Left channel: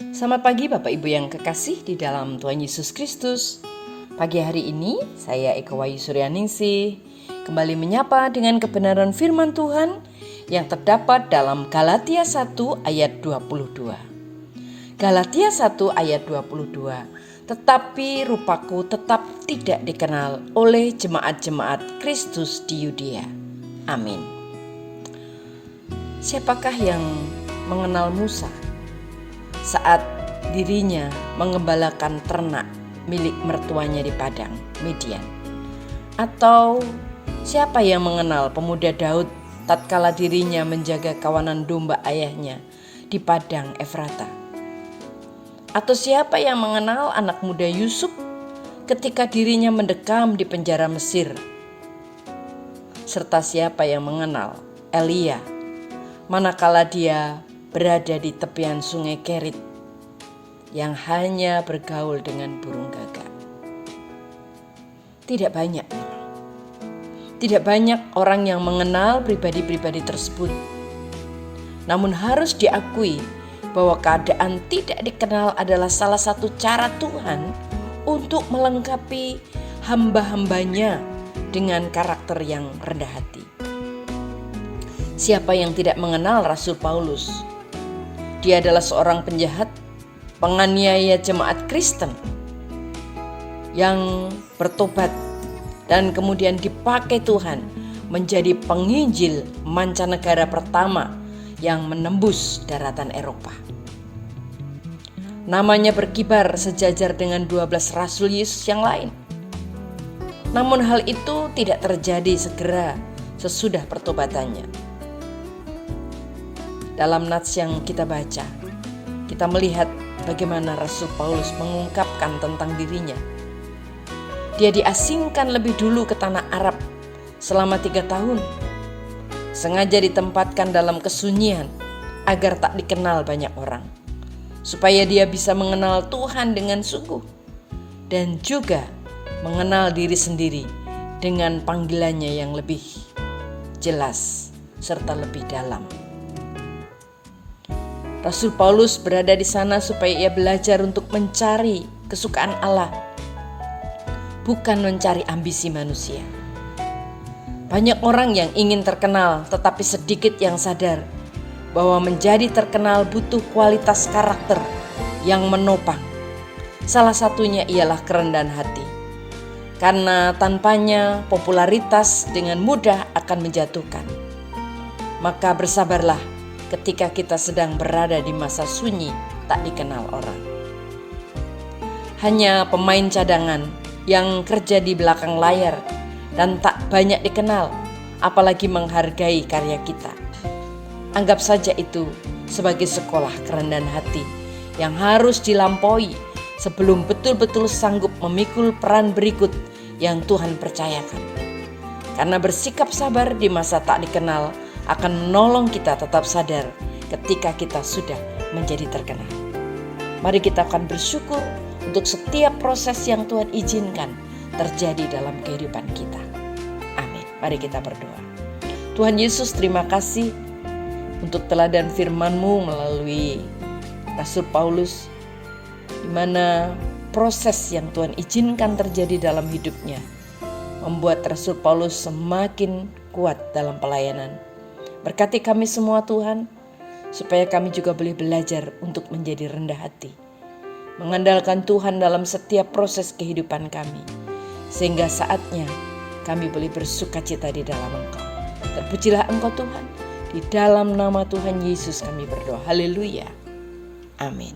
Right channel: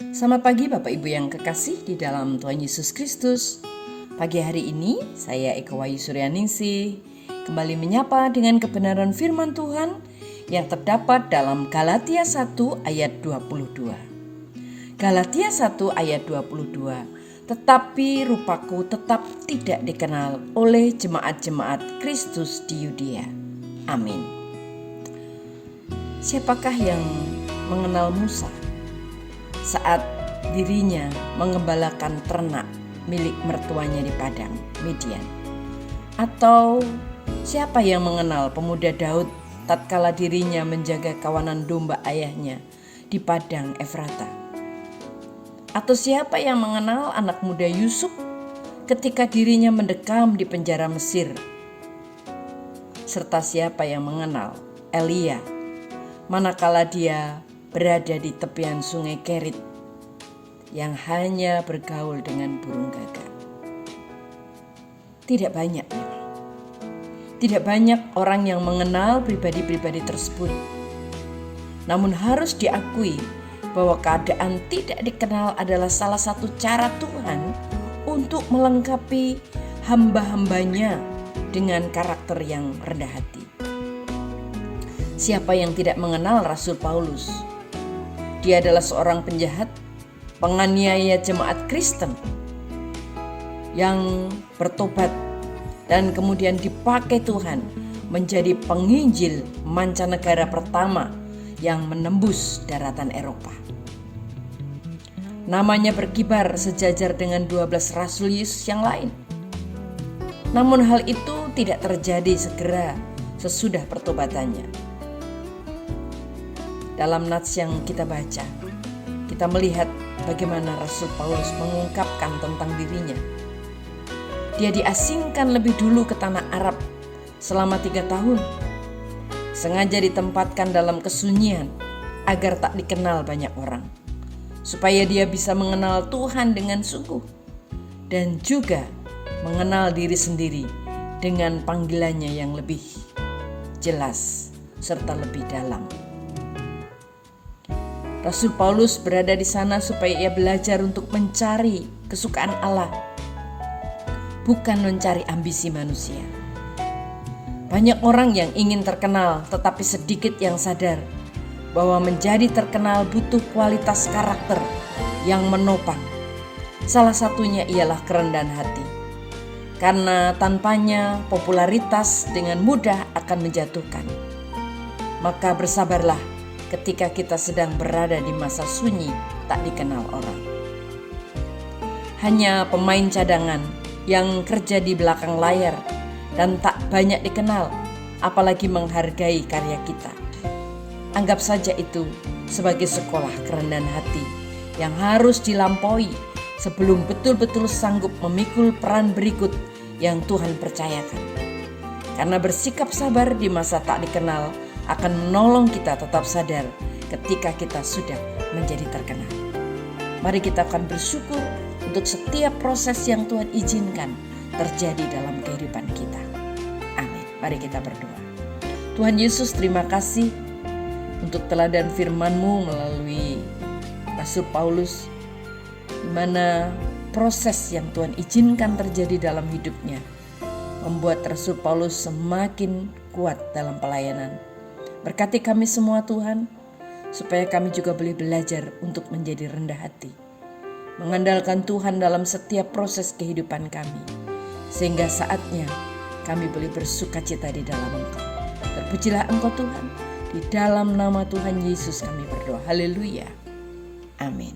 Selamat pagi Bapak Ibu yang kekasih di dalam Tuhan Yesus Kristus. Pagi hari ini saya Eka Wayu Suryaningsih kembali menyapa dengan kebenaran firman Tuhan yang terdapat dalam Galatia 1 ayat 22. Galatia 1 ayat 22. Tetapi rupaku tetap tidak dikenal oleh jemaat-jemaat Kristus di Yudea. Amin. Siapakah yang mengenal Musa saat dirinya mengembalakan ternak milik mertuanya di padang Midian? Atau siapa yang mengenal pemuda Daud tatkala dirinya menjaga kawanan domba ayahnya di padang Efrata? Atau siapa yang mengenal anak muda Yusuf ketika dirinya mendekam di penjara Mesir? Serta siapa yang mengenal Elia manakala dia berada di tepian sungai Kerit yang hanya bergaul dengan burung gagak? Tidak banyak. Tidak banyak orang yang mengenal pribadi-pribadi tersebut. Namun harus diakui bahwa keadaan tidak dikenal adalah salah satu cara Tuhan untuk melengkapi hamba-hambanya dengan karakter yang rendah hati. Siapa yang tidak mengenal Rasul Paulus? Dia adalah seorang penjahat, penganiaya jemaat Kristen yang bertobat dan kemudian dipakai Tuhan menjadi penginjil mancanegara pertama yang menembus daratan Eropa. Namanya berkibar sejajar dengan 12 Rasul Yesus yang lain. Namun hal itu tidak terjadi segera sesudah pertobatannya. Dalam nats yang kita baca, kita melihat bagaimana Rasul Paulus mengungkapkan tentang dirinya. Dia diasingkan lebih dulu ke tanah Arab selama 3 tahun. Sengaja ditempatkan dalam kesunyian agar tak dikenal banyak orang, supaya dia bisa mengenal Tuhan dengan sungguh dan juga mengenal diri sendiri dengan panggilannya yang lebih jelas serta lebih dalam. Rasul Paulus berada di sana supaya ia belajar untuk mencari kesukaan Allah, bukan mencari ambisi manusia. Banyak orang yang ingin terkenal, tetapi sedikit yang sadar bahwa menjadi terkenal butuh kualitas karakter yang menopang. Salah satunya ialah kerendahan hati. Karena tanpanya popularitas dengan mudah akan menjatuhkan. Maka bersabarlah ketika kita sedang berada di masa sunyi tak dikenal orang. Hanya pemain cadangan yang kerja di belakang layar dan tak banyak dikenal, apalagi menghargai karya kita. Anggap saja itu sebagai sekolah kerendahan hati yang harus dilampaui sebelum betul-betul sanggup memikul peran berikut yang Tuhan percayakan. Karena bersikap sabar di masa tak dikenal akan menolong kita tetap sadar ketika kita sudah menjadi terkenal. Mari kita akan bersyukur untuk setiap proses yang Tuhan izinkan terjadi dalam kehidupan kita. Amin. Mari kita berdoa. Tuhan Yesus, terima kasih untuk teladan firman-Mu melalui Rasul Paulus, di mana proses yang Tuhan izinkan terjadi dalam hidupnya membuat Rasul Paulus semakin kuat dalam pelayanan. Berkati kami semua Tuhan, supaya kami juga boleh belajar untuk menjadi rendah hati, mengandalkan Tuhan dalam setiap proses kehidupan kami, sehingga saatnya kami boleh bersukacita di dalam Engkau. Terpujilah Engkau Tuhan, di dalam nama Tuhan Yesus kami berdoa. Haleluya. Amin.